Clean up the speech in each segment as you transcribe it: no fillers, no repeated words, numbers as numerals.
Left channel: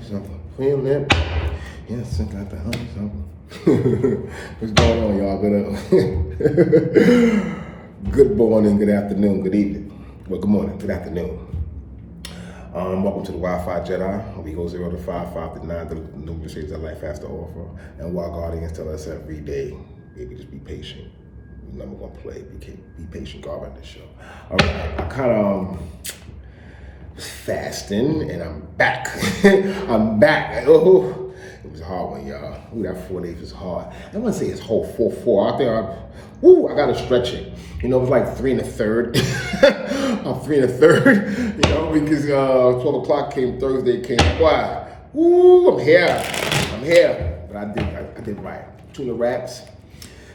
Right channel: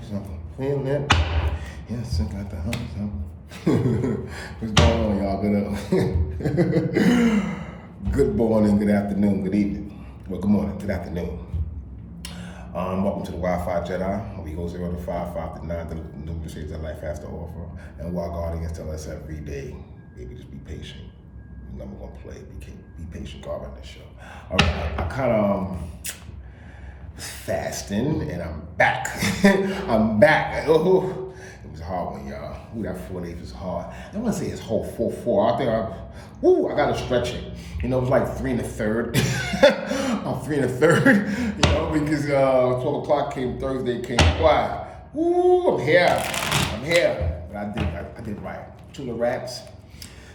Feeling it. Yes, I got the something. What's going on, y'all? Good morning, good afternoon, good evening. Well, good morning, good afternoon. Welcome to the Wi-Fi Jedi. We go 0 to 5, 5 to 9, the numerous shades that life has to offer. And while guardians tell us every day, baby, just be patient. You know we're gonna play. Be patient, God, on this show. All right, I kind of was fasting, and I'm back. I'm back. Oh, it was a hard one, y'all. Ooh, that 4 days was hard. I wouldn't say it's whole 4-4. I think I gotta stretch it. You know, it was like 3 1/3. I'm 3 1/3. You know, because 12 o'clock came Thursday, came quiet. Ooh, I'm here. But I did right. Tuna wraps,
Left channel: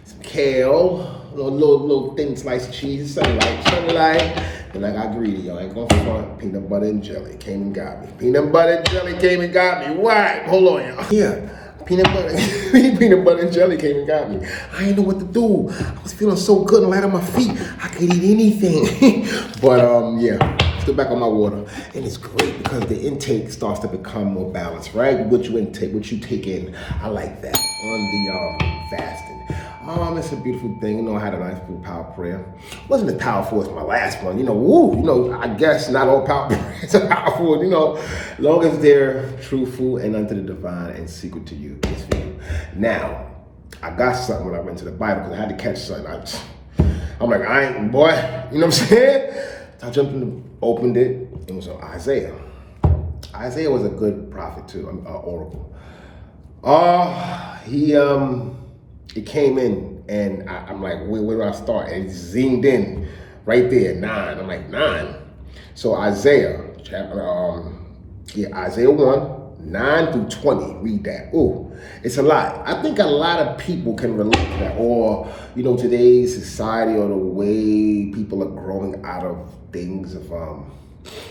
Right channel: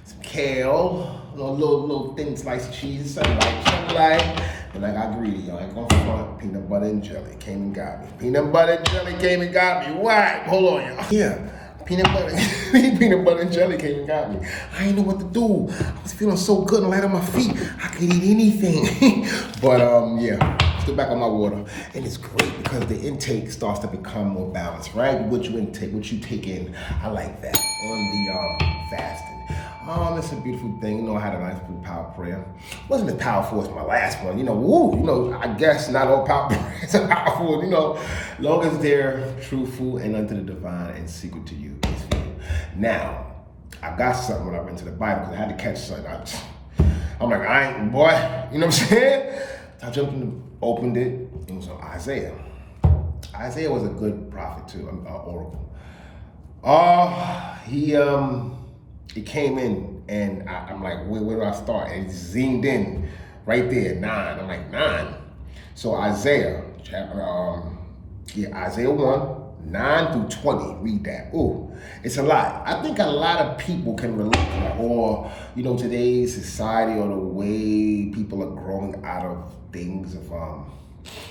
some kale, little thin slice of cheese, sunlight. And I got greedy, y'all. I ain't gonna front. Peanut butter and jelly came and got me. Peanut butter and jelly came and got me. Why? Hold on, y'all. Yeah. Peanut butter and jelly came and got me. I didn't know what to do. I was feeling so good and light on my feet. I could eat anything. But yeah, still back on my water. And it's great because the intake starts to become more balanced, right? What you intake, what you take in. I like that on the fasting. It's a beautiful thing. You know, I had a nice little power prayer. Wasn't as powerful as my last one. I guess not all power prayers are powerful. As long as they're truthful and unto the divine and secret to you, it's for you. Now, I got something when I went to the Bible because I had to catch something. I'm like, I ain't, boy, you know what I'm saying? I jumped in, opened it. It was on Isaiah. Isaiah was a good prophet too, oracle. He came in and I'm like, where do I start? And he zoomed in right there, 9. I'm like, 9. So Isaiah, Isaiah 1, 9 through 20, read that. Ooh, it's a lot. I think a lot of people can relate to that. Or, today's society or the way people are growing out of things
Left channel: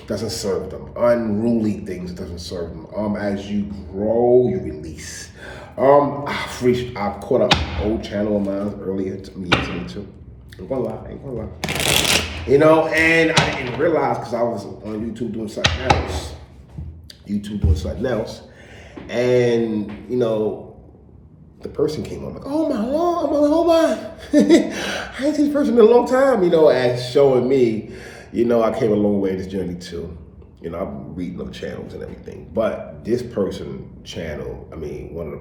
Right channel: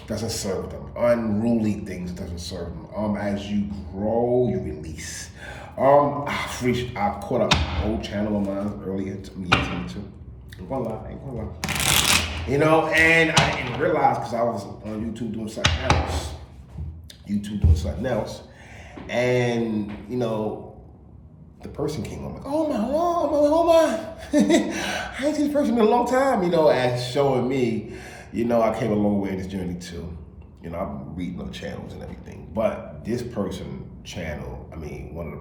doesn't serve them. Unruly things doesn't serve them. As you grow, you release. I caught up old channel of mine earlier to me too. Ain't gonna lie. And I didn't realize because I was on YouTube doing something else. And, the person came on like, oh my. I ain't seen this person in a long time, and showing me, I came a long way in this journey too. I'm reading on channels and everything. But this person channel, one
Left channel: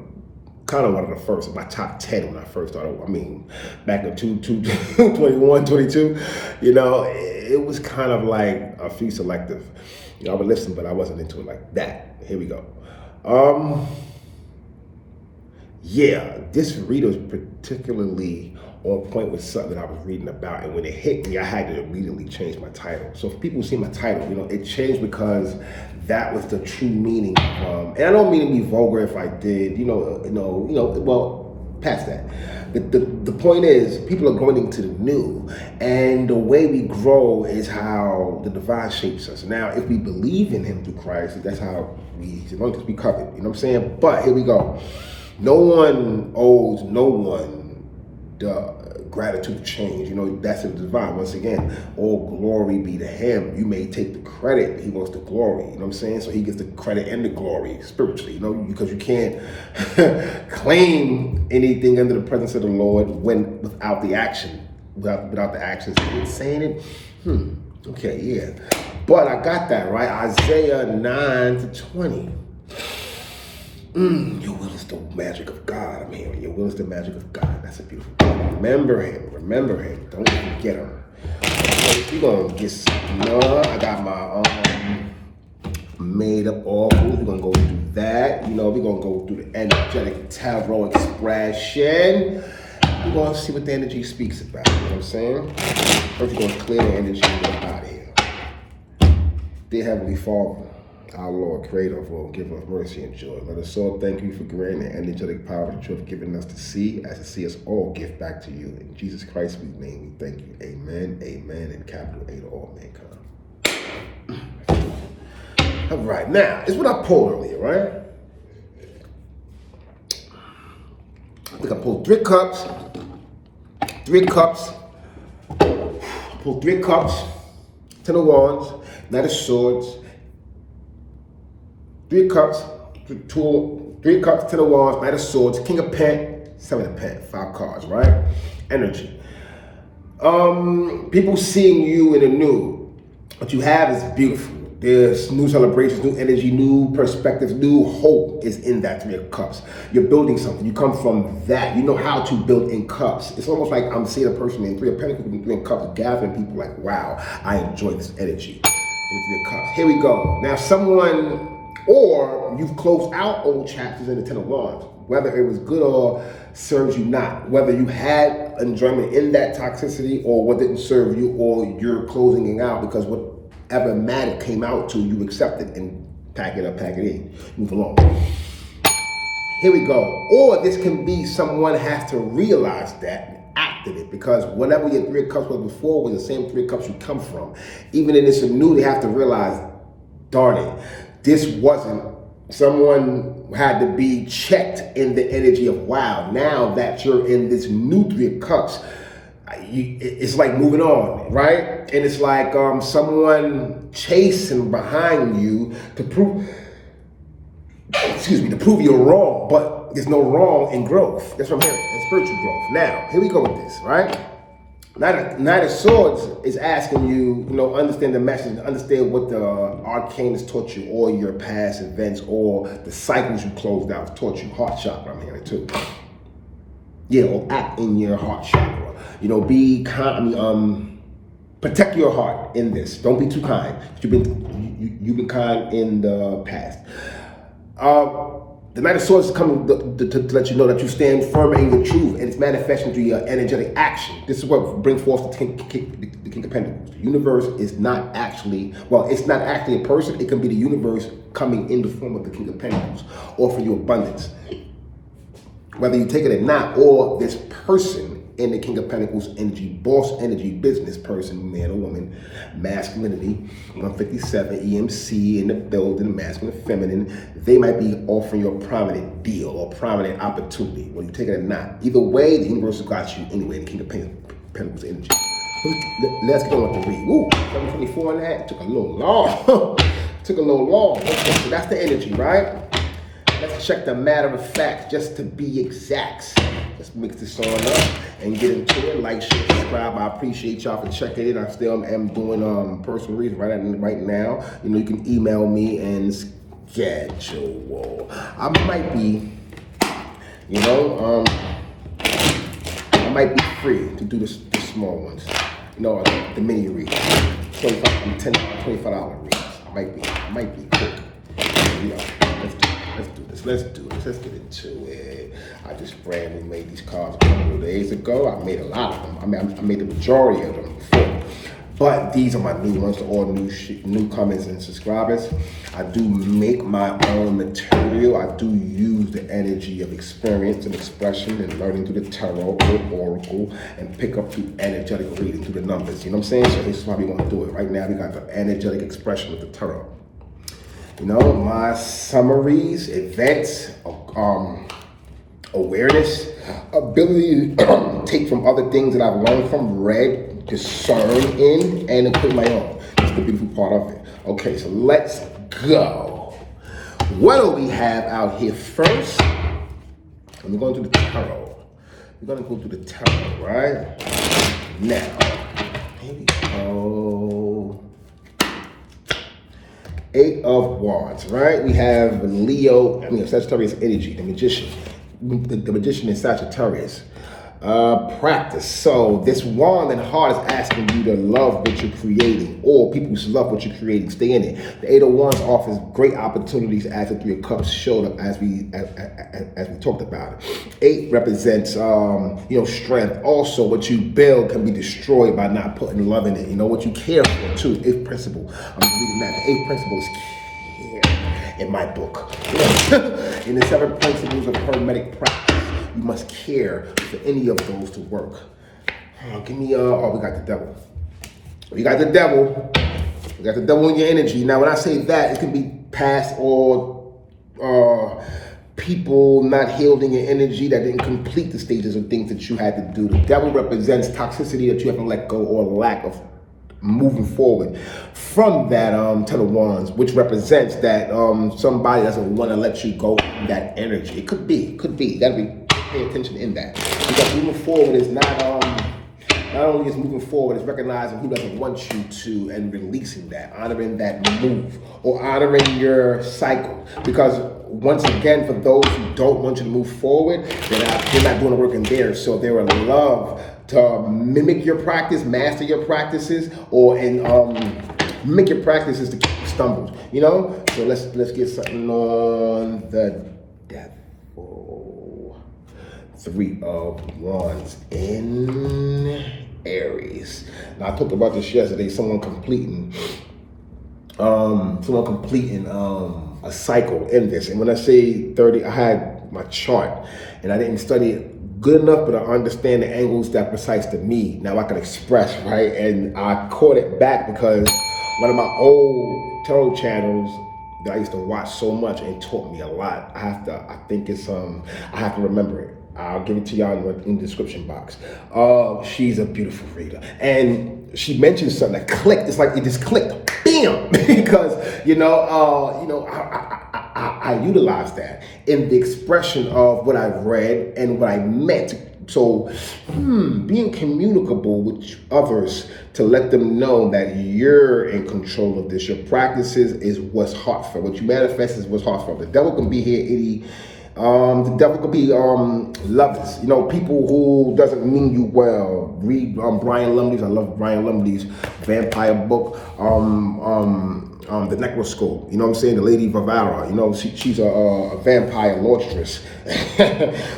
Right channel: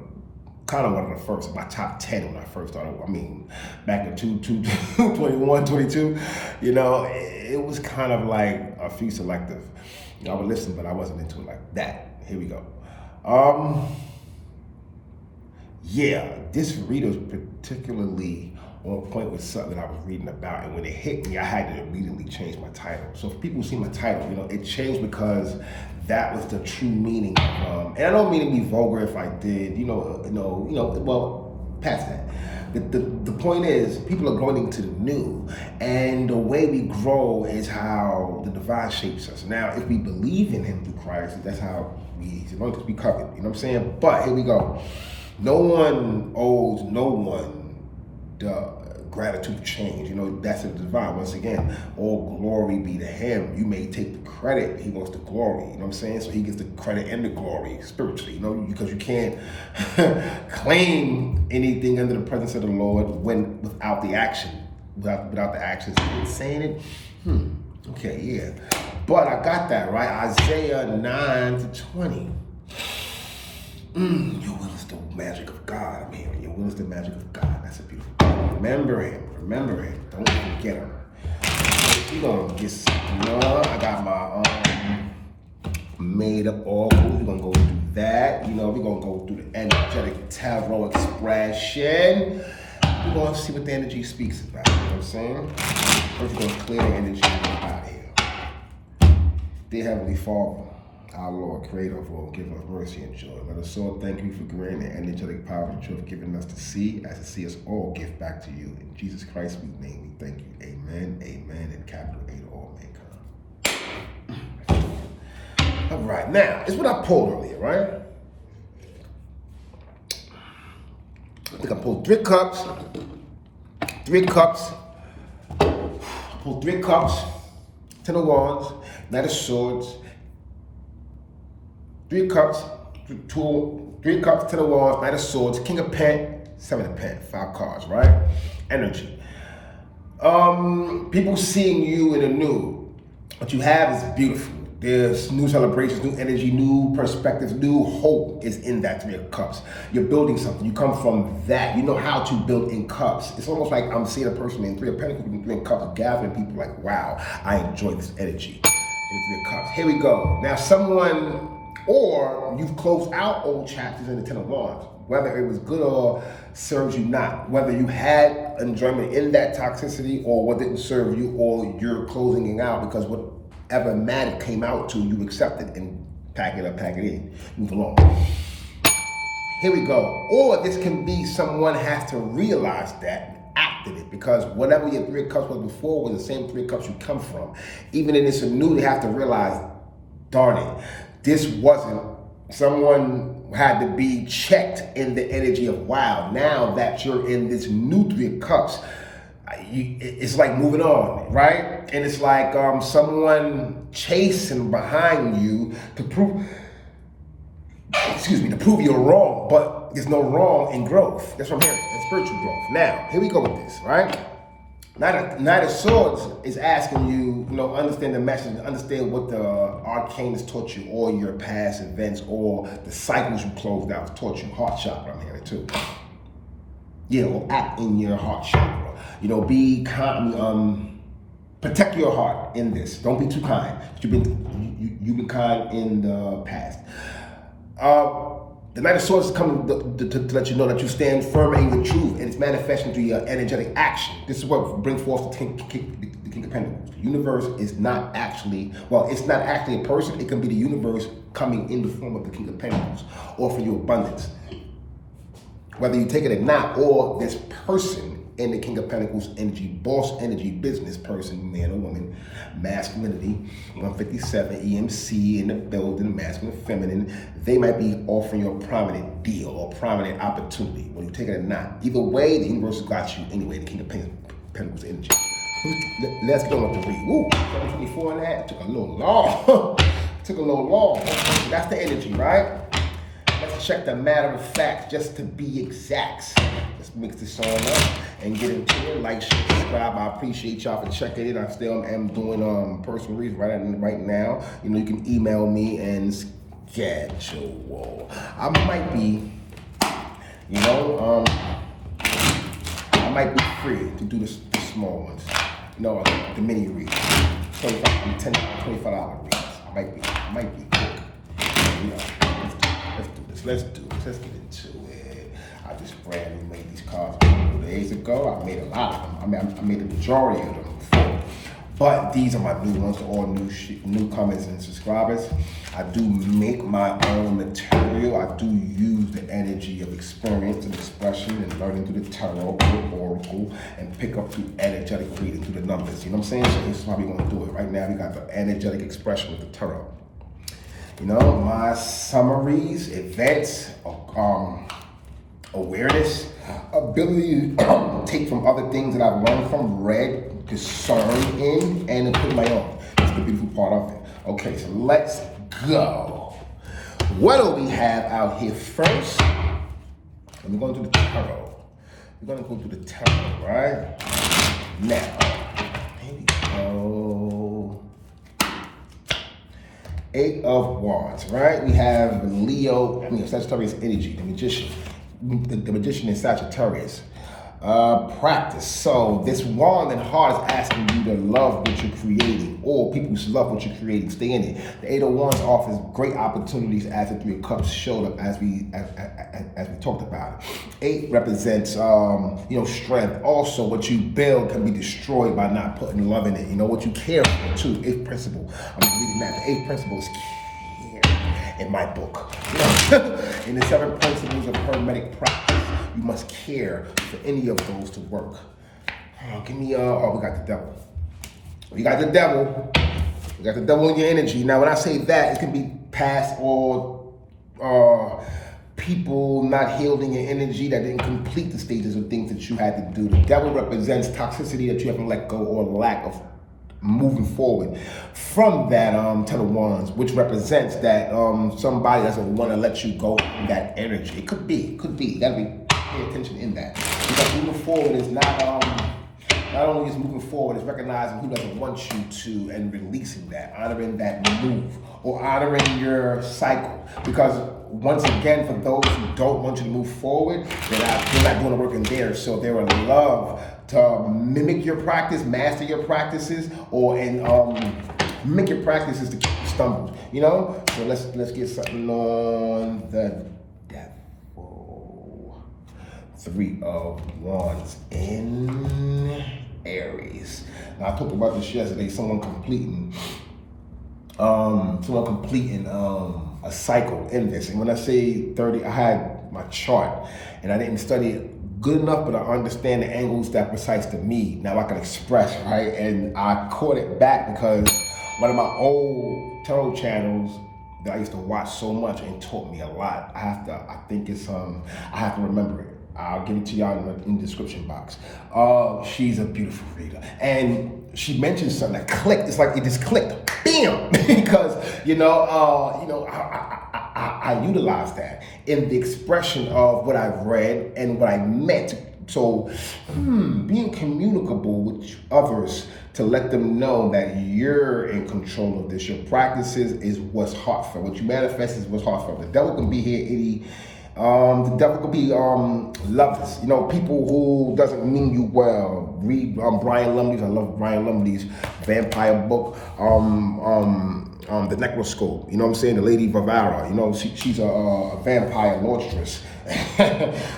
of the first, my top 10 when I first started. Back in 21, 22, it was kind of like a few selective. I would listen, but I wasn't into it like that. Here we go. This reader was particularly on point with something I was reading about, and when it hit me, I had to immediately change my title. So for people who see my title, it changed because that was the true meaning. And I don't mean to be vulgar if I did, well, past that. The point is, people are growing into the new, and the way we grow is how the divine shapes us. Now, if we believe in Him through Christ, that's how He's anointed us to be covered. You know what I'm saying? But here we go. No one owes no one the gratitude to change. That's the divine. Once again, all glory be to Him. You may take the credit, but He wants the glory. You know what I'm saying? So He gets the credit and the glory spiritually, because you can't claim anything under the presence of the Lord without the action. Without the actions. Saying it? Okay, yeah. But I got that, right? Isaiah 9 to 20. Your will is the magic of God. I'm hearing your will is the magic of God. That's a beautiful thing. Remember Him. Don't forget Him. We're gonna get some. I got my made up oracles. We're gonna go do that. We're gonna go through the energetic tarot expression. We're gonna see what the energy speaks about. You know what I'm saying? First, we're gonna clear the energy and get out of here. Dear Heavenly Father, our Lord, Creator of all, give us mercy and joy. Let us all thank you for granting the energetic power and truth given us to see, as to see us all give back to you. In Jesus Christ's name, we thank you. Amen, and capital A to all mankind. All right, now, it's what I pulled earlier, right? I think I pulled 3 cups. 3 cups. I pulled 3 cups. 10 of Wands, Knight of Swords. 3 cups, Three of Cups, 10 of Wands, Knight of Swords, King of Pen, 7 of Pen, 5 cards, right? Energy. People seeing you in the new. What you have is beautiful. There's new celebrations, new energy, new perspectives, new hope is in that 3 of Cups. You're building something. You come from that. You know how to build in cups. It's almost like I'm seeing a person in 3 of Pentacles and 3 of Cups gathering people like, wow, I enjoy this energy. In 3 of Cups. Here we go. Now someone, or you've closed out old chapters in the 10 of Wands. Whether it was good or serves you not. Whether you had enjoyment in that toxicity or what didn't serve you, or you're closing it out because whatever matter came out to you, accept it and pack it up, pack it in, move along. Here we go. Or this can be someone has to realize that and act in it, because whatever your 3 of Cups was before was the same 3 of Cups you come from. Even in this new, they have to realize, darn it, this wasn't. Someone had to be checked in the energy of, wow, now that you're in this new 3 of Cups, it's like moving on, right? And it's like someone chasing behind you to prove, to prove you're wrong, but there's no wrong in growth. That's what I'm hearing, in spiritual growth. Now, here we go with this, right? Knight of Swords is asking you, understand the message, understand what the arcane has taught you, or your past events, or the cycles you closed out taught you. Heart chakra, I'm hearing too. Yeah, or act in your heart chakra. Be kind. Protect your heart in this. Don't be too kind. You've been kind in the past. The Knight of Swords is coming to let you know that you stand firm in the truth, and it's manifesting through your energetic action. This is what brings forth the King of Pentacles. The universe is not actually, it's not actually a person. It can be the universe coming in the form of the King of Pentacles, offering you abundance. Whether you take it or not, or this person in the King of Pentacles energy, boss energy, business person, man or woman, masculinity, 157, EMC in the building, masculine, feminine, they might be offering you a prominent deal or prominent opportunity, whether you take it or not. Either way, the universe has got you anyway, the King of Pentacles energy. Let's get on with the read. Woo, 724 and that, took a little long. Took a little long. Okay, so that's the energy, right? Let's check the matter of fact, just to be exact. Let's mix this on up and get into it. Like, share, subscribe. I appreciate y'all for checking it. I still am doing personal readings right now. You can email me and schedule. I might be, I might be free to do the small ones. The mini readings, $25 readings. Might be quick. Let's do this. Let's get into it. I just brand new made these cards a couple of days ago. I made a lot of them. I made the majority of them before. But these are my new ones to all newcomers and subscribers. I do make my own material. I do use the energy of experience and expression and learning through the tarot or oracle and pick up through energetic reading through the numbers. You know what I'm saying? So this is why we want to do it. Right now we got the energetic expression of the tarot. My summaries, events, awareness, ability to take from other things that I've learned from, read, discern in, and put my own. That's the beautiful part of it. Okay, so let's go. What do we have out here first? We're going to the tarot. We're going to go to the tarot, right? Now, here we go. 8 of Wands, right? We have Leo, Sagittarius energy, the magician. The magician is Sagittarius. Practice. So this wand and heart is asking you to love what you're creating, or people who love what you're creating, stay in it. The 8 of Wands offers great opportunities as the 3 of Cups showed up as we talked about it. 8 represents strength. Also, what you build can be destroyed by not putting love in it. What you care for too. 8th principle. I'm reading that. The 8th principle is care in my book. In the 7 principles of hermetic practice, you must care for any of those to work. Give me, we got the devil. We got the devil. We got the devil in your energy. Now, when I say that, it can be past or people not healed in your energy that didn't complete the stages of things that you had to do. The devil represents toxicity that you haven't let go, or lack of moving forward from that 10 of Wands, which represents that somebody doesn't want to let you go in that energy. It could be. You gotta pay attention in that. Because moving forward is not only is moving forward, it's recognizing who doesn't want you to and releasing that, honoring that move, or honoring your cycle. Because once again, for those who don't want you to move forward, they're not doing the work in there. So they would love to mimic your practice, master your practices, or mimic your practices to keep you stumbled. You know? So let's get something on the Devil. 3 of Wands in Aries. Now I talked about this yesterday. Someone completing a cycle in this. And when I say 30, I had my chart and I didn't study it good enough, but I understand the angles that precise to me. Now I can express, right? And I caught it back because one of my old tarot channels that I used to watch so much and taught me a lot. I have to remember it. I'll give it to y'all in the description box. She's a beautiful reader. And she mentioned something that clicked. It's like it just clicked, bam! Because, I utilize that in the expression of what I've read and what I meant. So, being communicable with others to let them know that you're in control of this. Your practices is what's heartfelt. What you manifest is what's heartfelt. The devil can be here, the devil could be lovers, people who doesn't mean you well. Read Brian Lumley's. I love Brian Lumley's vampire book, The Necroscope. You know what I'm saying? The Lady Varvara. She's a vampire laundress.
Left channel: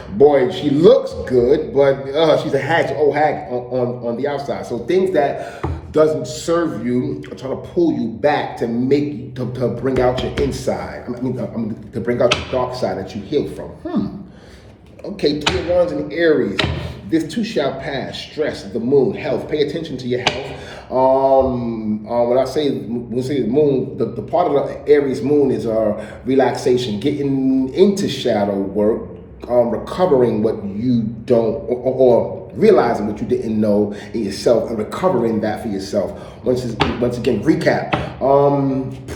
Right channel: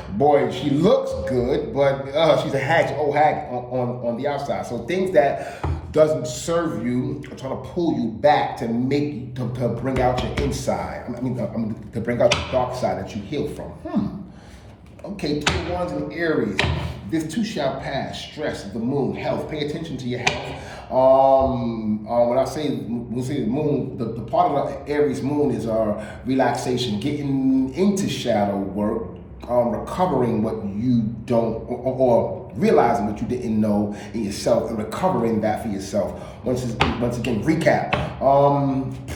Boy, she looks good, but she's a hag on the outside. So things that doesn't serve you are trying to pull you back to bring out your inside. To bring out the dark side that you heal from. Okay, 3 of Wands in Aries. This too shall pass. Stress, the moon, health. Pay attention to your health. When I say the moon, the part of the Aries moon is relaxation, getting into shadow work, recovering what you don't, or realizing what you didn't know in yourself and recovering that for yourself. Once again, recap,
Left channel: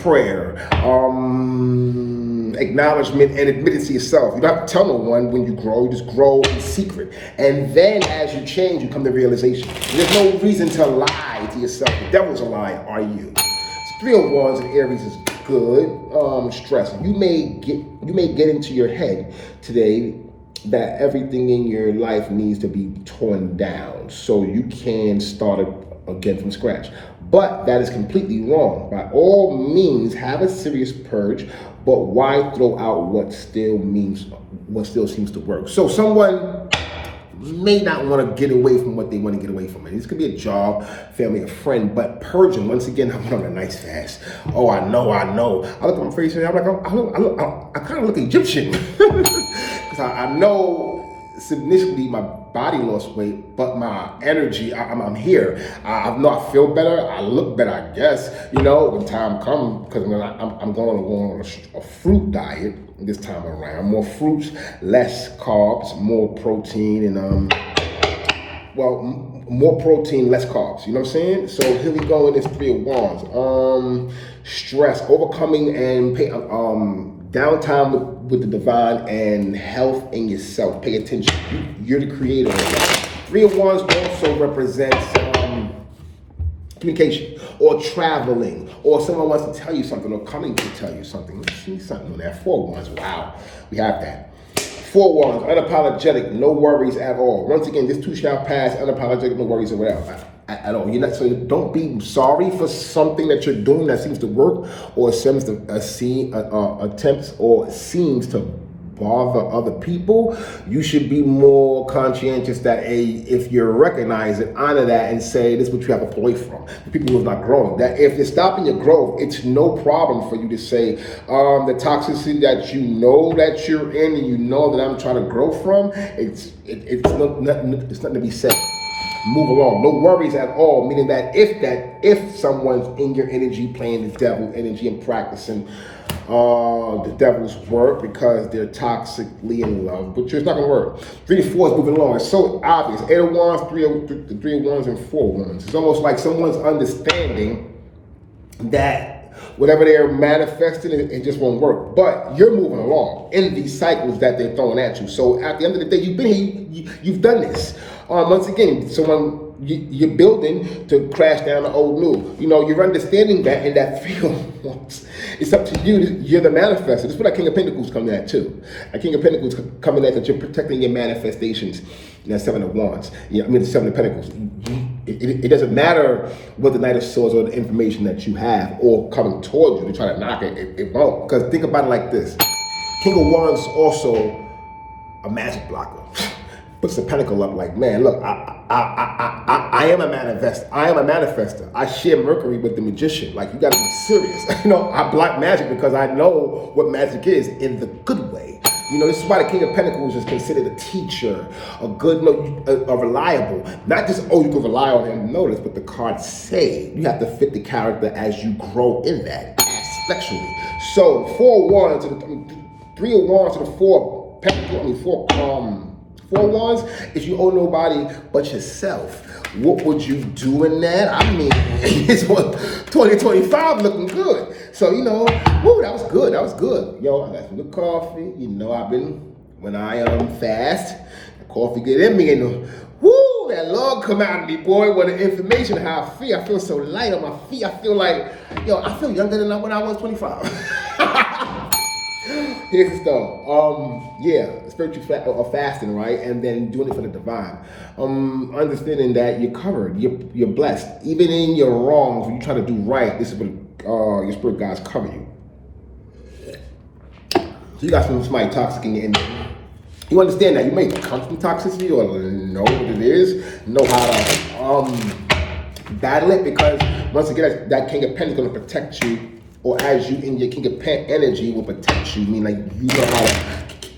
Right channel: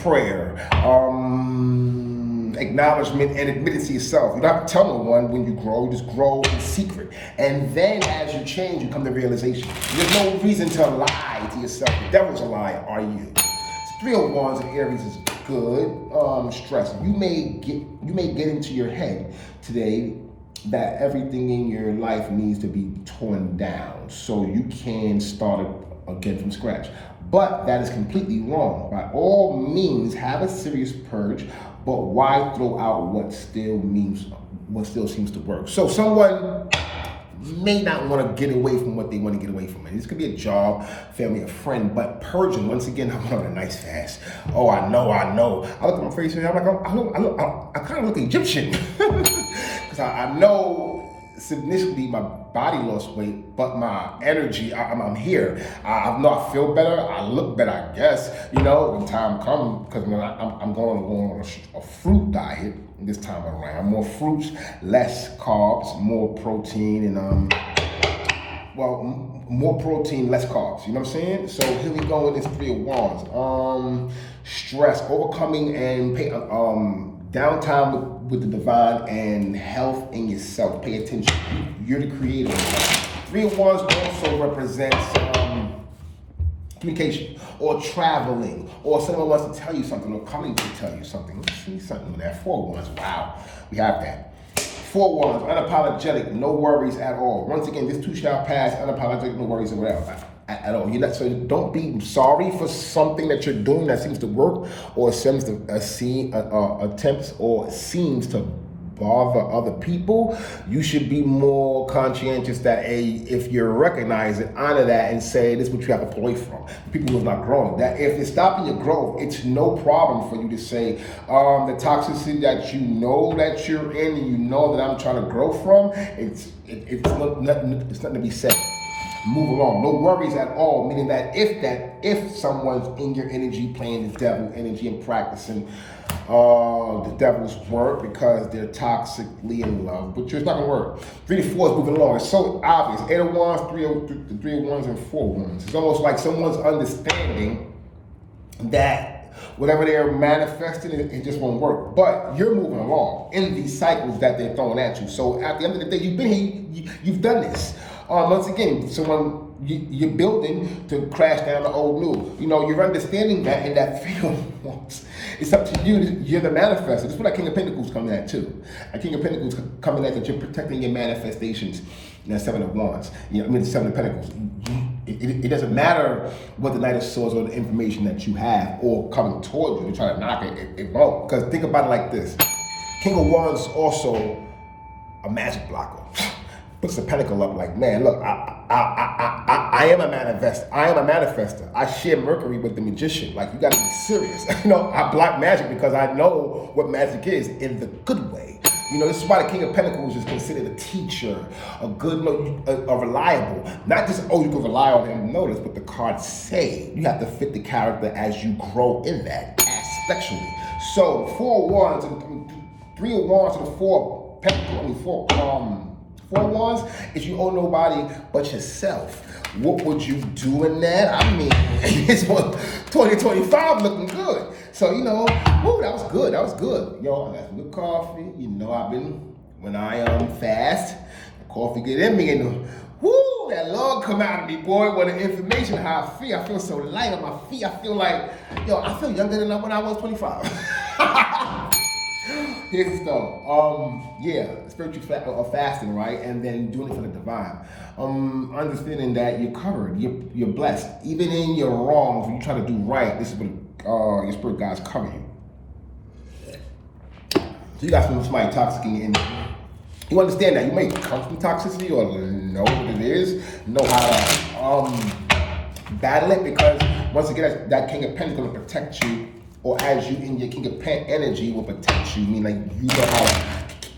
prayer, acknowledgement and admitting to yourself. You don't have to tell no one when you grow, you just grow in secret. And then as you change, you come to realization. There's no reason to lie to yourself. The devil's a lie, are you? So 3 of Wands in Aries is good. Stress. You may get into your head today that everything in your life needs to be torn down so you can start again from scratch. But that is completely wrong. By all means, have a serious purge, but why throw out what still seems to work? So someone may not want to get away from what they want to get away from. And this could be a job, family, a friend, but purging, once again, I went on a nice fast. Oh, I know. I look at my face and I'm like, I kind of look Egyptian. Because I know significantly my body lost weight, but my energy, I'm here. I know I feel better. I look better, I guess. When time comes, because I'm going on a fruit diet this time around. More fruits, less carbs, more protein, and more protein, less carbs. You know what I'm saying? So here we go in this 3 of Wands. Stress, overcoming, and downtime with the divine and health in yourself. Pay attention. You're the creator. 3 of Wands also represents communication or traveling, or someone wants to tell you something or coming to tell you something. Let's see something on that. 4 of Wands. Wow, we have that. 4 of Wands, unapologetic, no worries at all. Once again, this too shall pass. Unapologetic, no worries or whatever. At all. So don't be sorry for something that you're doing that seems to work or seems to attempts or seems to bother other people. You should be more conscientious that if you recognize it, honor that and say this is what you have to pull away from. The people who are not growing. That if it's stopping your growth, it's no problem for you to say the toxicity that you know that you're in and you know that I'm trying to grow from. It's nothing to be said. move along. No worries at all, meaning that if someone's in your energy playing the devil energy and practicing the devil's work because they're toxically in love, but it's not gonna work. 3 to 4 is moving along. It's so obvious. 8 of Wands, 3 of Wands, and 4 of Wands. It's almost like someone's understanding that whatever they're manifesting, it just won't work. But you're moving along in these cycles that they're throwing at you. So at the end of the day, you've been here, you've done this. Once again, you're building to crash down the old new. You know, you're understanding that, and that feels it's up to you. You're the manifester. This is what that King of Pentacles coming at too. That King of Pentacles coming at that you're protecting your manifestations. And that 7 of Wands. Yeah, I mean the 7 of Pentacles. It doesn't matter what the Knight of Swords or the information that you have or coming towards you to try to knock it. It won't. Because think about it like this: King of Wands is also a magic blocker. Puts the pentacle up like, man, look, I am a manifester. I am a manifester. I share Mercury with the magician. Like, you gotta be serious. You know, I block magic because I know what magic is in the good way. You know, this is why the King of Pentacles is considered a teacher, a good, a reliable. Not just, oh, you can rely on him. Notice what the cards say. You have to fit the character as you grow in that, especially. So, 4 of Wands to the 3 of Wands to the 4 of Pentacles, I mean, 4 Wands, if you owe nobody but yourself. What would you do in that? I mean, it's 2025 looking good. So, you know, woo, that was good. That was good. Yo, I got some good coffee. You know, when I fast, the coffee get in me and woo, that love come out of me, boy. What the information, how I feel so light on my feet. I feel like, yo, I feel younger than when I was 25. Here's the stuff. Yeah, spiritual fasting, right? And then doing it for the divine. Understanding that you're covered, you're blessed. Even in your wrongs, when you try to do right, this is what your spirit guides cover you. So you got somebody toxic in your energy. You understand that. You may come from toxicity or know what it is, know how to battle it, because once again, that King of Pentacles is going to protect you. Or as you in your King of Pen energy will protect you. I mean, like, you know how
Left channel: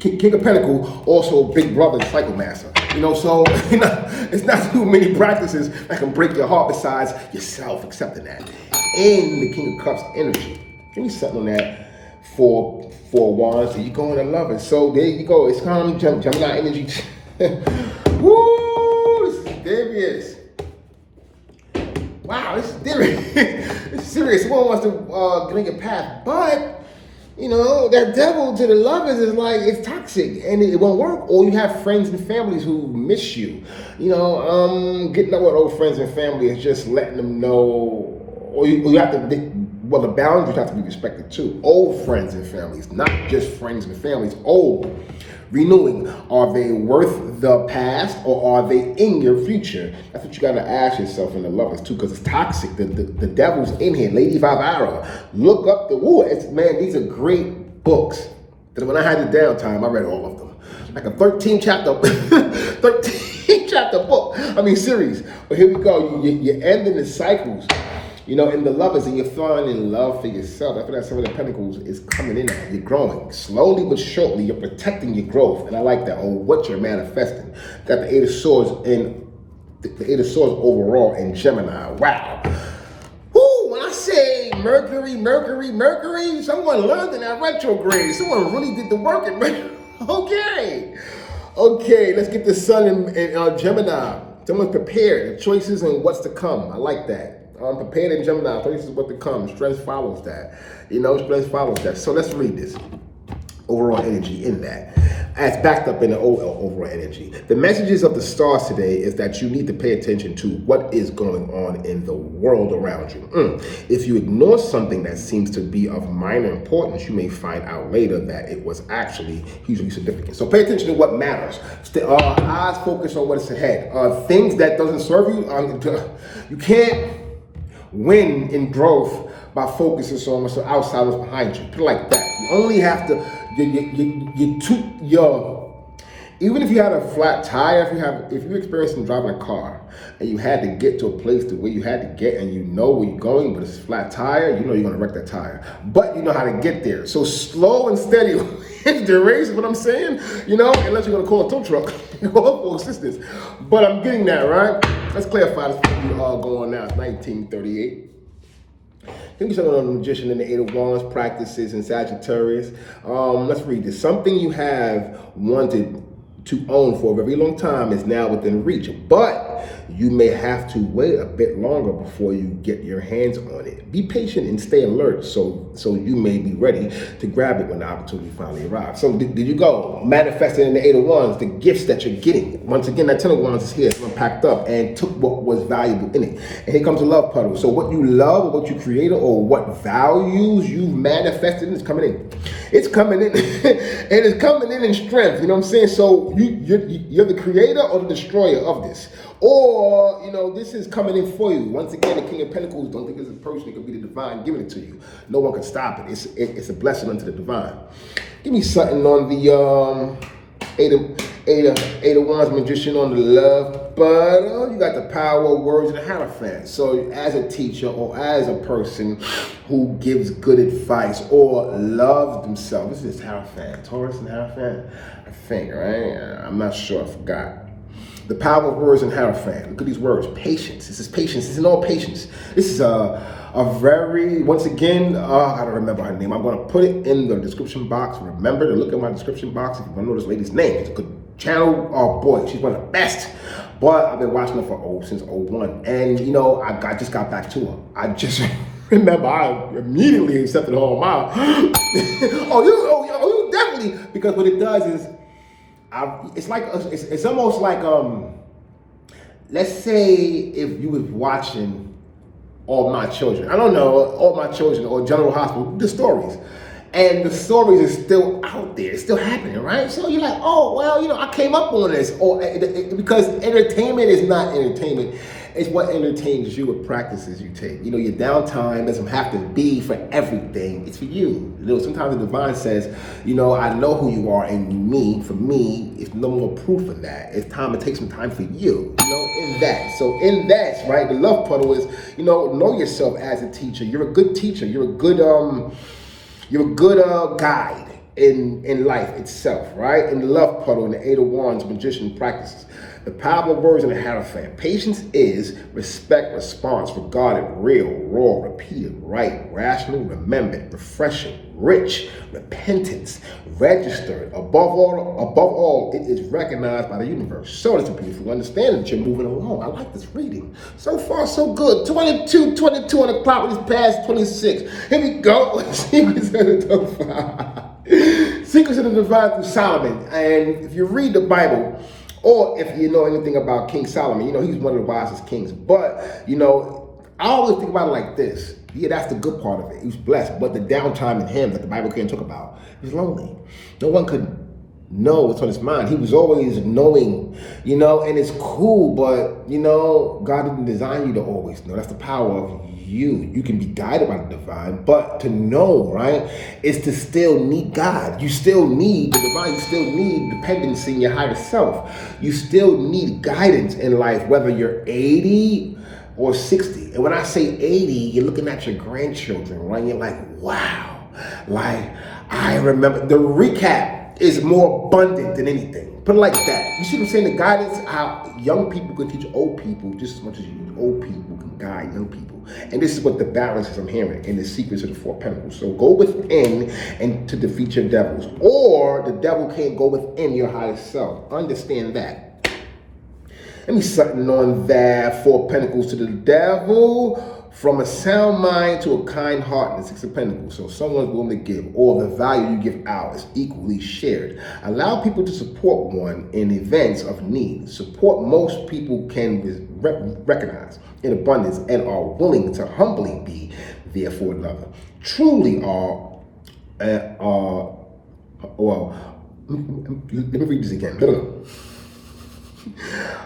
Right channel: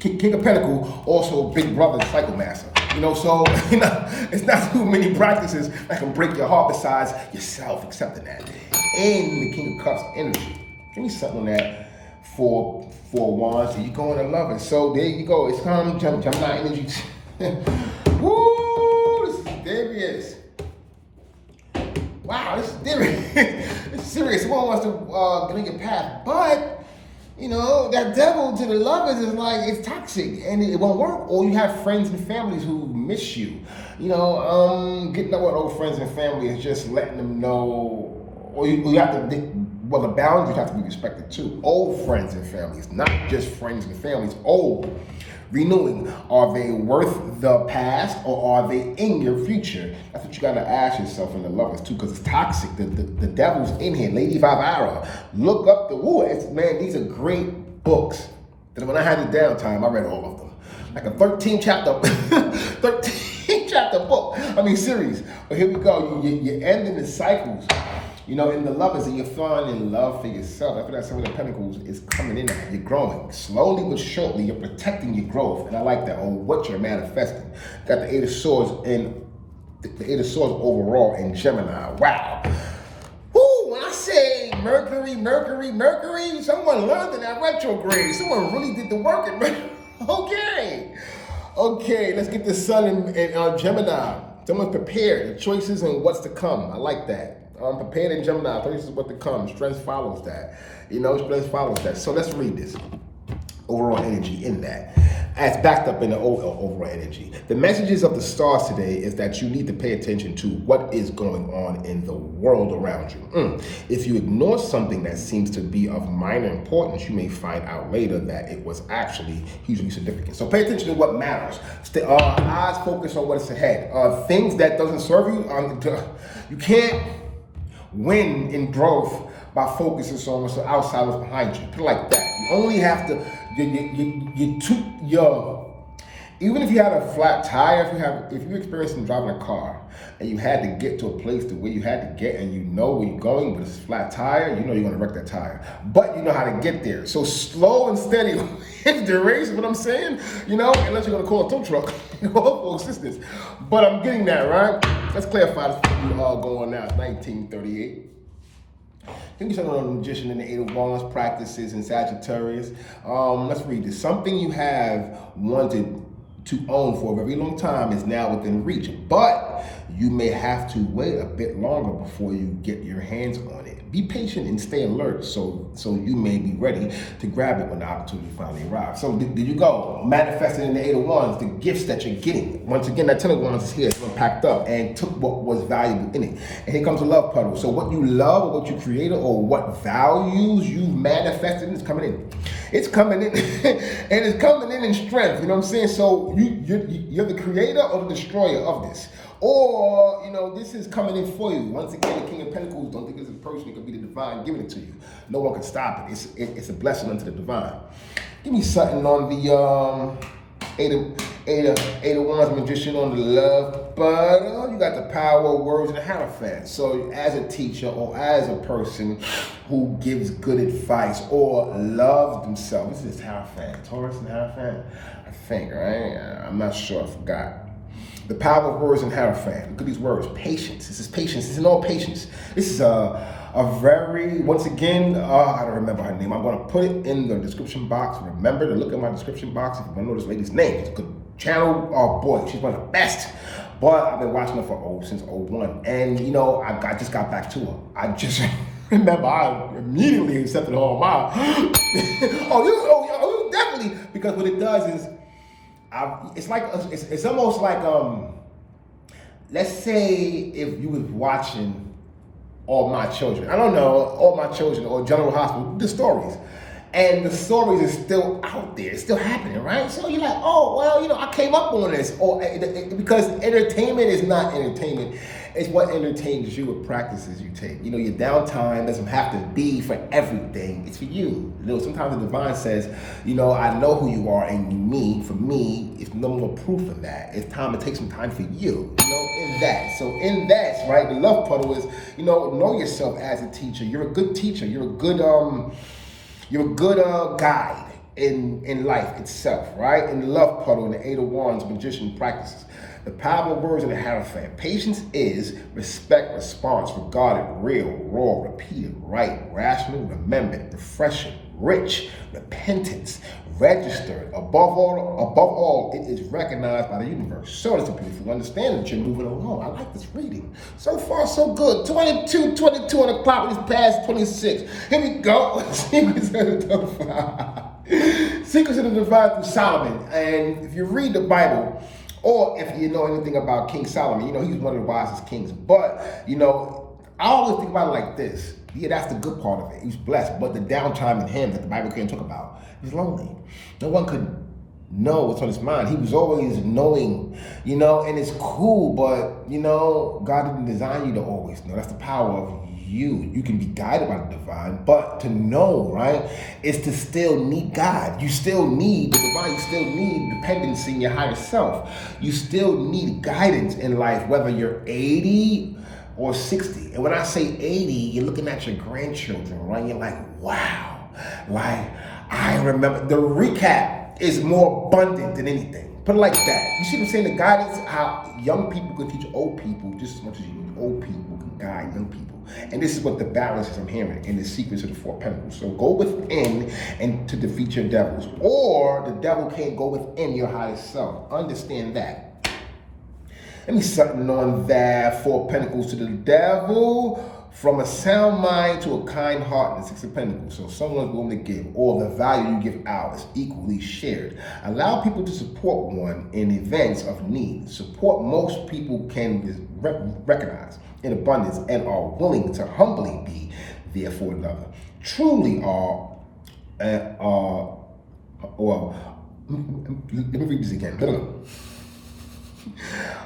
King of Pentacles, also big brother, cycle master. You know, so you know, it's not too many practices that can break your heart besides yourself accepting that. And the King of Cups energy. Give me something on that. 4 Wands, and you going to love it. So there you go. It's come Gemini energy. Woo! This is serious. Wow, this is serious. It's serious. Someone wants to get in your path, but you know that devil to the lovers is like, it's toxic and it won't work. Or you have friends and families who miss you. You know, getting up with old friends and family is just letting them know. Or you have to. Well, the boundaries have to be respected too. Old friends and families, not just friends and families. Old, renewing. Are they worth the past, or are they in your future? That's what you got to ask yourself in the lovers too, because it's toxic. The devil's in here. Lady Vivara. Look up the woo. Man, these are great books. That when I had the downtime, I read all of them. Like a 13 chapter book. I mean, series. But here we go. You're ending the cycles. You know, in the lovers, and you're falling in love for yourself. After that 7 of Pentacles is coming in, you're growing. Slowly but surely, you're protecting your growth. And I like that, or what you're manifesting. Got the 8 of Swords in, the 8 of Swords overall in Gemini. Wow. Woo, when I say Mercury, someone learned in that retrograde. Someone really did the work in Mercury. Okay, let's get the sun in Gemini. Someone's prepared, the choices and what's to come. I like that. Prepared in Gemini, this is what to come. Strength follows that. You know, strength follows that. So let's read this. Overall energy in that. As backed up in the overall energy. The messages of the stars today is that you need to pay attention to what is going on in the world around you. If you ignore something that seems to be of minor importance, you may find out later that it was actually hugely significant. So pay attention to what matters. Eyes focus on what's ahead. Things that doesn't serve you, you can't win in growth by focusing on what's outside what's behind you. Put it like that. You only have to, Even if you had a flat tire, if you're experiencing driving a car and you had to get to a place to where you had to get and you know where you're going, but it's a flat tire, you know you're gonna wreck that tire. But you know how to get there. So slow and steady is the race, what I'm saying, unless you're gonna call a tow truck, call for assistance. But I'm getting that, right? Let's clarify this for you all going now. It's 1938. Give me something on the magician in the Eight of Wands, practices in Sagittarius. Let's read this. Something you have wanted to own for a very long time is now within reach, but you may have to wait a bit longer before you get your hands on it. Be patient and stay alert so you may be ready to grab it when the opportunity finally arrives. So did you go manifesting in the Eight of Wands, the gifts that you're getting? Once again, that Ten of Wands is here, it's unpacked up and took what was valuable in it. And here comes the love puddle. So what you love or what you created or what values you manifested is coming in. It's coming in. And it's coming in strength. You know what I'm saying? So you're the creator or the destroyer of this. Or, this is coming in for you. Once again, the King of Pentacles, don't think it's a person, it could be the divine giving it to you. No one can stop it. It's a blessing unto the divine. Give me something on the Eight of Wands magician on the love puddle. You got the power of words and the Hierophant. So as a teacher or as a person who gives good advice or loves themselves, this is Hierophant, Taurus and Hierophant, I think, right? I'm not sure, I forgot. The power of words and Hierophant. Look at these words. Patience. This is patience. This is all patience. This is a very, once again, I don't remember her name. I'm going to put it in the description box. Remember to look at my description box if you want to know this lady's name. It's a good channel. Oh boy, she's one of the best. But I've been watching her since 01. And I just got back to her. I just remember I immediately accepted her on my you definitely, because what it does is it's almost like let's say if you was watching All My Children, I don't know, All My Children or General Hospital, the stories, and the stories is still out there, it's still happening, right? So you're like, oh well, I came up on this, or because entertainment is not entertainment. It's what entertains you, what practices you take. Your downtime doesn't have to be for everything. It's for you. Sometimes the divine says, I know who you are, and for me, it's no more proof of that. It's time to take some time for you, in that. So in that, right, the love puddle is, know yourself as a teacher. You're a good teacher. You're a good guide in life itself, right? In the love puddle, in the Eight of Wands, magician practices. The power of words and the Hierophant. Patience is respect, response, regarded, real, raw, repeated, right, rational, remembered, refreshing, rich, repentance, registered. Above all, it is recognized by the universe. So it's a beautiful understanding that you're moving along. I like this reading. So far, so good. 22 on the clock. It's past 26. Here we go. Secrets of the Divine. Secrets of the Divine through Solomon. And if you read the Bible, or if you know anything about King Solomon, he's one of the wisest kings. But, I always think about it like this. Yeah, that's the good part of it. He's blessed. But the downtime in him that the Bible can't talk about, he's lonely. No one could know what's on his mind. He was always knowing, and it's cool, but, God didn't design you to always know. That's the power of you. You can be guided by the divine, but to know, right, is to still need God. You still need the divine. You still need dependency in your higher self. You still need guidance in life, whether you're 80 or 60. And when I say 80, you're looking at your grandchildren, right? You're like, wow. Like, I remember the recap is more abundant than anything. Put it like that. You see what I'm saying? The guidance, how young people can teach old people just as much as old people can guide young people. And this is what the balance is I'm hearing in the secrets of the Four Pentacles. So go within and to defeat your devils. Or the devil can't go within your higher self. Understand that. Let me something on that. Four Pentacles to the devil. From a sound mind to a kind heart in the Six of Pentacles. So someone's willing to give, or the value you give out is equally shared. Allow people to support one in events of need. Support most people can recognize in abundance and are willing to humbly be there for another. Truly are, let me read this again.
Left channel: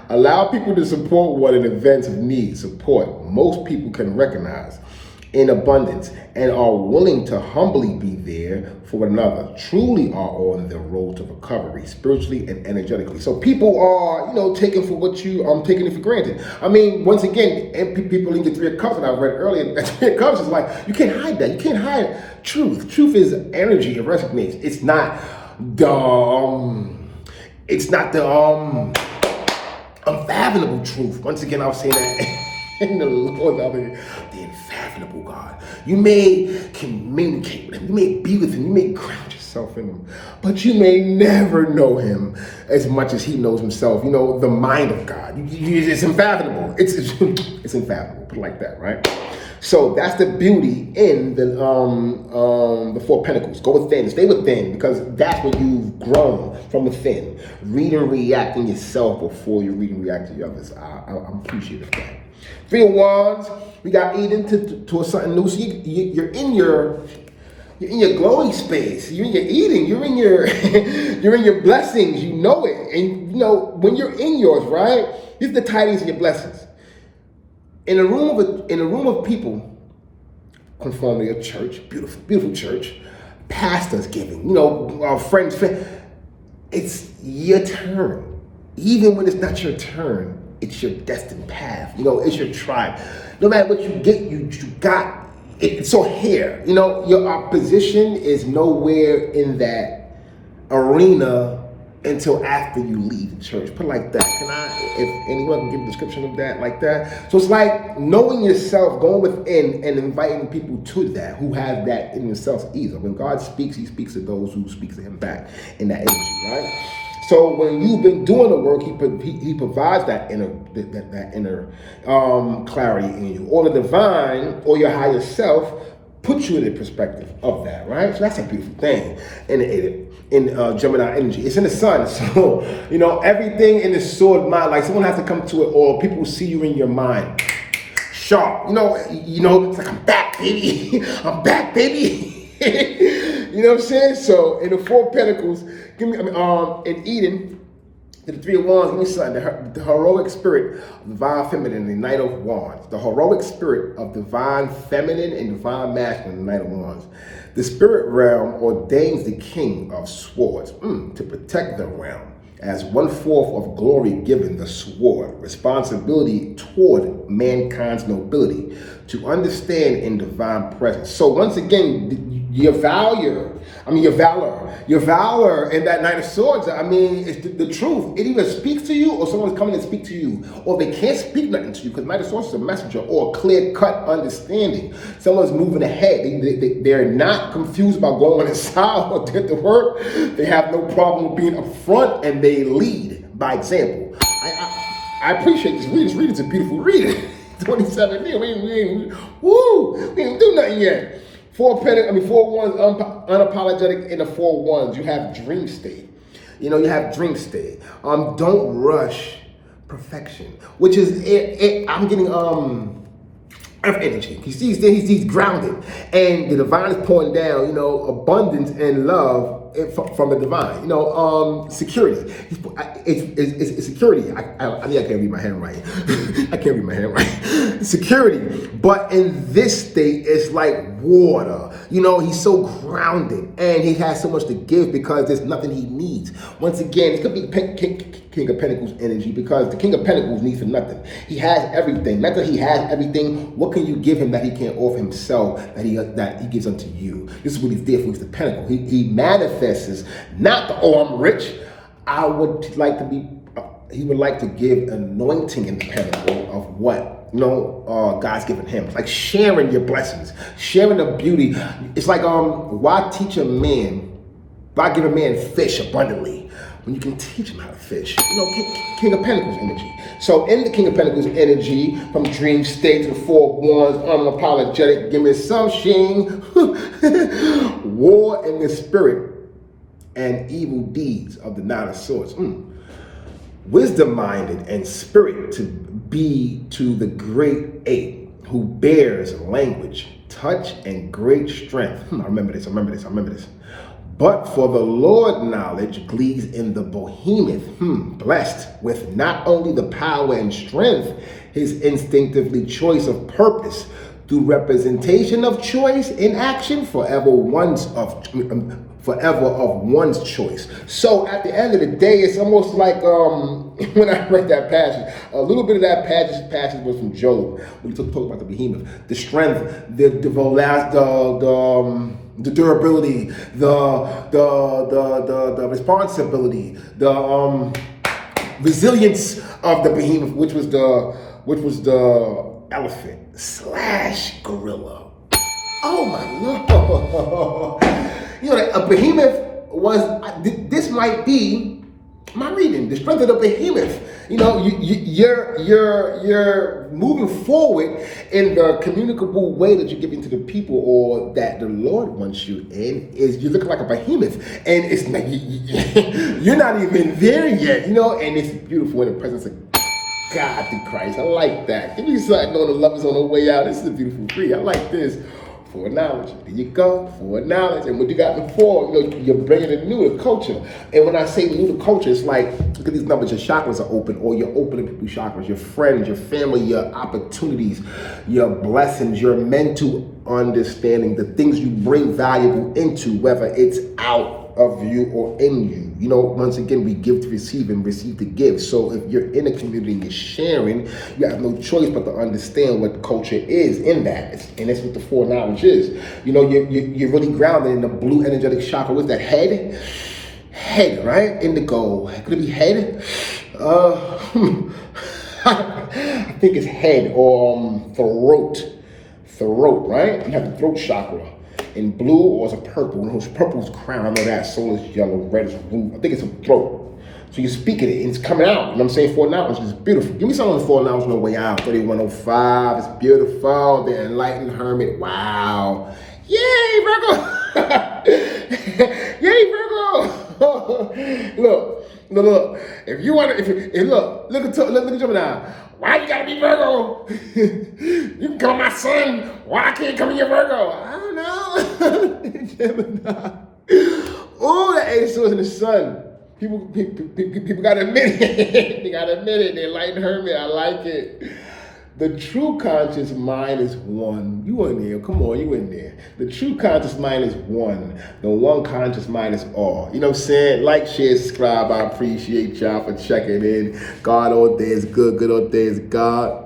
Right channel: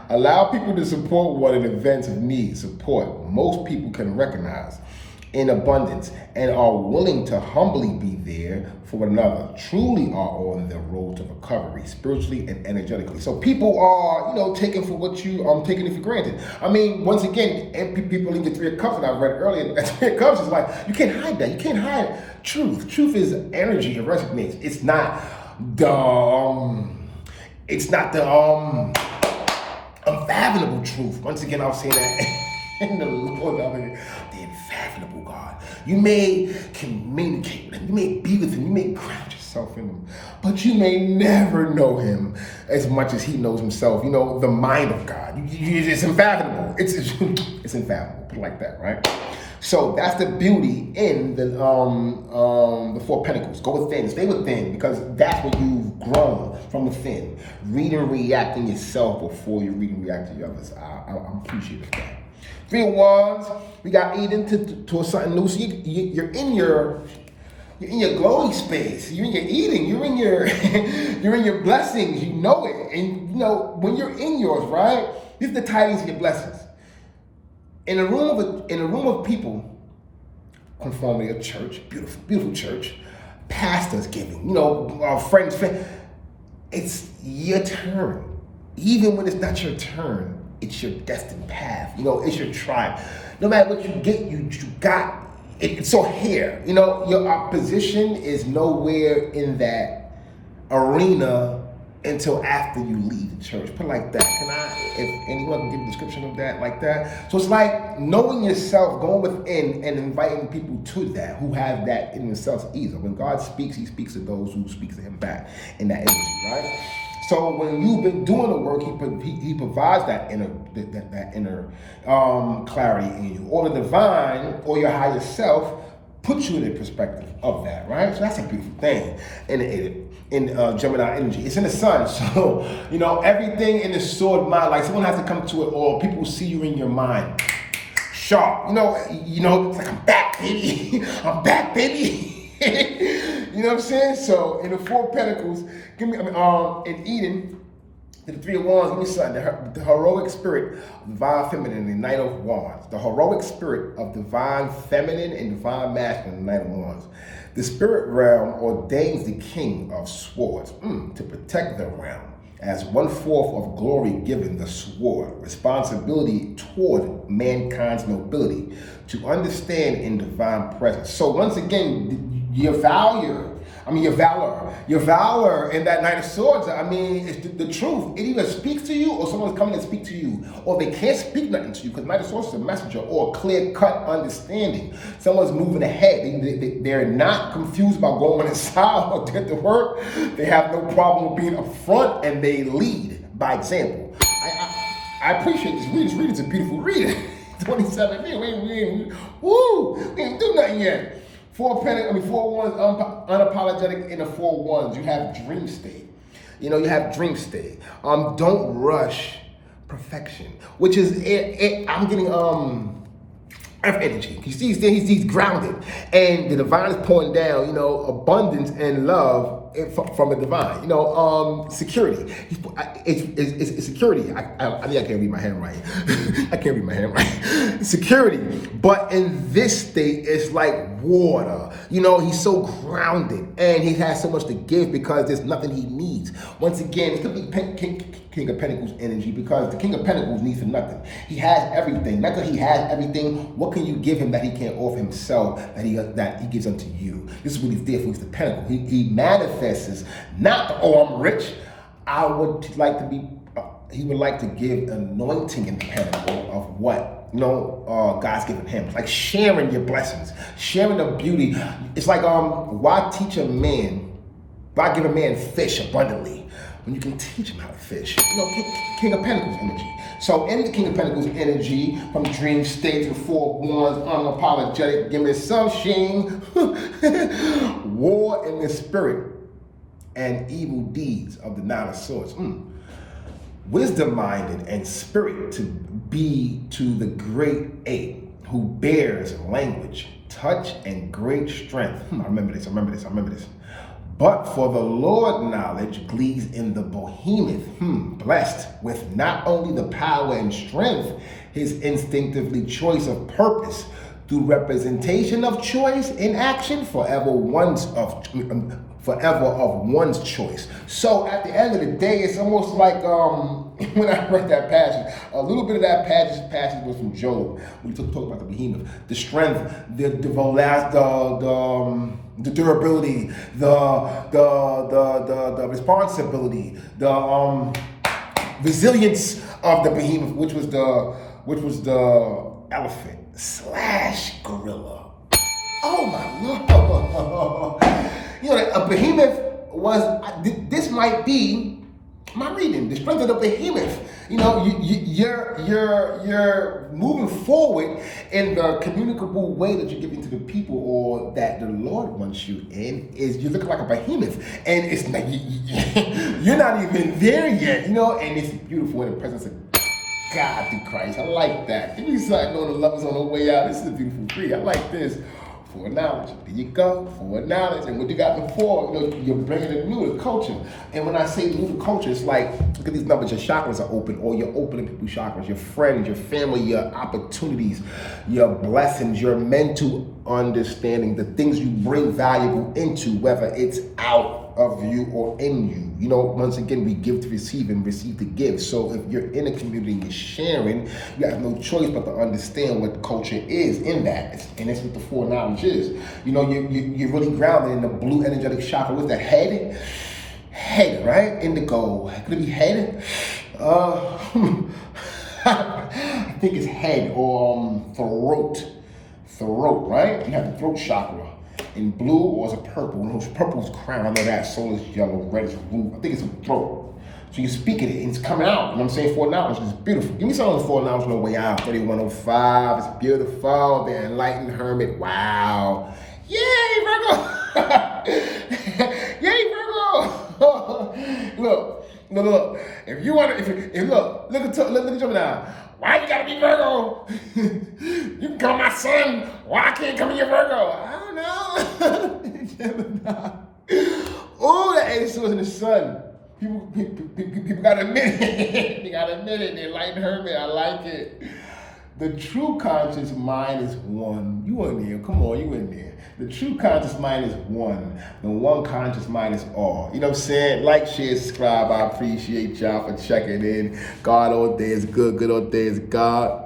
Allow people to support one in events of need. Support most people can recognize in abundance and are willing to humbly be there for one another truly are on the road to recovery spiritually and energetically. So people are, taking for what you taking it for granted. I mean, once again, people in the Three of Cups, and I read earlier, that Three of Cups is like, you can't hide that. You can't hide truth. Truth is energy. It resonates. It's not the unfathomable truth. Once again, I was saying that in the Lord, the unfathomable God. You may communicate with him, you may be with him, you may ground yourself in him, but you may never know him as much as he knows himself. The mind of God. It's unfathomable. It's unfathomable, put it like that, right? So that's the beauty in the Four Pentacles. Go within, stay within, because that's where you've grown from within. Read and react in yourself before you read and react to the others. I'm appreciative of that. Three of Wands, we got Eden to something new. So you're in your glowing space. You're in your eating. You're in your you're in your blessings. You know it, and when you're in yours, right? These are the tidings of your blessings. In a room of people, conforming a church, beautiful church, pastors giving, our friends. It's your turn, even when it's not your turn. It's your destined path. It's your tribe. No matter what you get, you got it. So here, your opposition is nowhere in that arena until after you leave the church. Put it like that. If anyone can give a description of that like that. So it's like knowing yourself, going within and inviting people to that, who have that in themselves either. When God speaks, he speaks to those who speak to him back in that energy, right? So when you've been doing the work, he provides that inner clarity in you, or the divine, or your higher self puts you in the perspective of that, right? So that's a beautiful thing in Gemini energy. It's in the sun, so everything in the sword mind. Like someone has to come to it, or people see you in your mind, sharp. It's like I'm back, baby. I'm back, baby. You know what I'm saying? So in the Four Pentacles, in Eden, the Three of Wands, give me something. The heroic spirit of divine feminine, the Knight of Wands. The heroic spirit of divine feminine and divine masculine, the Knight of Wands. The spirit realm ordains the King of Swords to protect the realm as 1/4 of glory given the sword, responsibility toward mankind's nobility, to understand in divine presence. So once again, your valor in that Knight of Swords, it's the truth. It either speaks to you, or someone's coming to speak to you, or they can't speak nothing to you, because Knight of Swords is a messenger, or a clear-cut understanding. Someone's moving ahead. They're not confused about going inside or did the work. They have no problem with being up front, and they lead by example. I appreciate this reading. This reading's a beautiful reading. 27 minutes. We ain't do nothing yet. Four Wands, unapologetic in the Four Wands. You have dream state. You have dream state. Don't rush perfection, which is I'm getting earth energy. He's grounded, and the divine is pouring down. Abundance and love from the divine. Security. It's security. I think I can't read my handwriting. I can't read my handwriting. Security. But in this state, it's like water. He's so grounded, and he has so much to give because there's nothing he needs. Once again, it could be King of Pentacles energy, because the King of Pentacles needs for nothing. He has everything. Not that he has everything. What can you give him that he can't offer himself, that he gives unto you? This is what he's there for. He's the Pentacle. He manifests not the, I'm rich. He would like to give anointing in the Pentacle of what God's given him. It's like sharing your blessings, sharing the beauty. It's like why give a man fish abundantly when you can teach him how to fish? King of Pentacles energy. So in the King of Pentacles energy, from dream state to the Four Wands, unapologetic, give me some shing, war in the spirit, and evil deeds of the Knight of Swords. Wisdom-minded and spirit to be to the great ape, who bears language, touch, and great strength. I remember this. But for the Lord knowledge glees in the Behemoth, blessed with not only the power and strength, his instinctively choice of purpose, Through representation of choice in action, forever of one's choice. So at the end of the day, it's almost like when I read that passage, a little bit of that passage was from Job. We talk about the behemoth, the strength, the durability, the responsibility, the resilience of the behemoth, which was the elephant / gorilla. Oh my Lord. You know, a behemoth was, this might be my reading, the strength of the behemoth. You know, you're moving forward in the communicable way that you're giving to the people, or that the Lord wants you in, is you're looking like a behemoth. And it's like, you're not even there yet, you know, and it's beautiful in the presence of God through Christ. I like that. Give me something on the love is on the way out. This is a beautiful free. I like this. For knowledge. There you go. For knowledge. And what you got before, you know, you're bringing the new to culture. And when I say new to culture, it's like, look at these numbers. Your chakras are open, or you're opening people's chakras, your friends, your family, your opportunities, your blessings, your mental understanding, the things you bring valuable into, whether it's out of you or in you. You know, once again, we give to receive and receive to give. So if you're in a community and you're sharing, you have no choice but to understand what culture is in that. And that's what the foreknowledge is. You know, you're really grounded in the blue energetic chakra. What's that? Head, right? Indigo. Could it be head? I think it's head or throat, right? You have the throat chakra. In blue, or is it purple? No, purple is crown. I know that. So is yellow, red is blue. I think it's a throat. So you speak it, and it's coming out. You know what I'm saying? Foreknowledge is beautiful. Give me some of the foreknowledge on the way out. 3105. It's beautiful. The enlightened hermit. Wow. Yay, Virgo. Yay, Virgo. Look. If you want to, look at Gemini. Why you gotta be Virgo? You can come my son. Why I can't come in your Virgo? I don't know. Gemini. Oh, that eight of swords in the sun. People gotta admit it. They gotta admit it. The enlightened hermit. I like it. The true conscious mind is one. You in there, come on, you in there. The true conscious mind is one. The one conscious mind is all. You know what I'm saying? Like, share, subscribe. I appreciate y'all for checking in. God all day is good, good all day is God.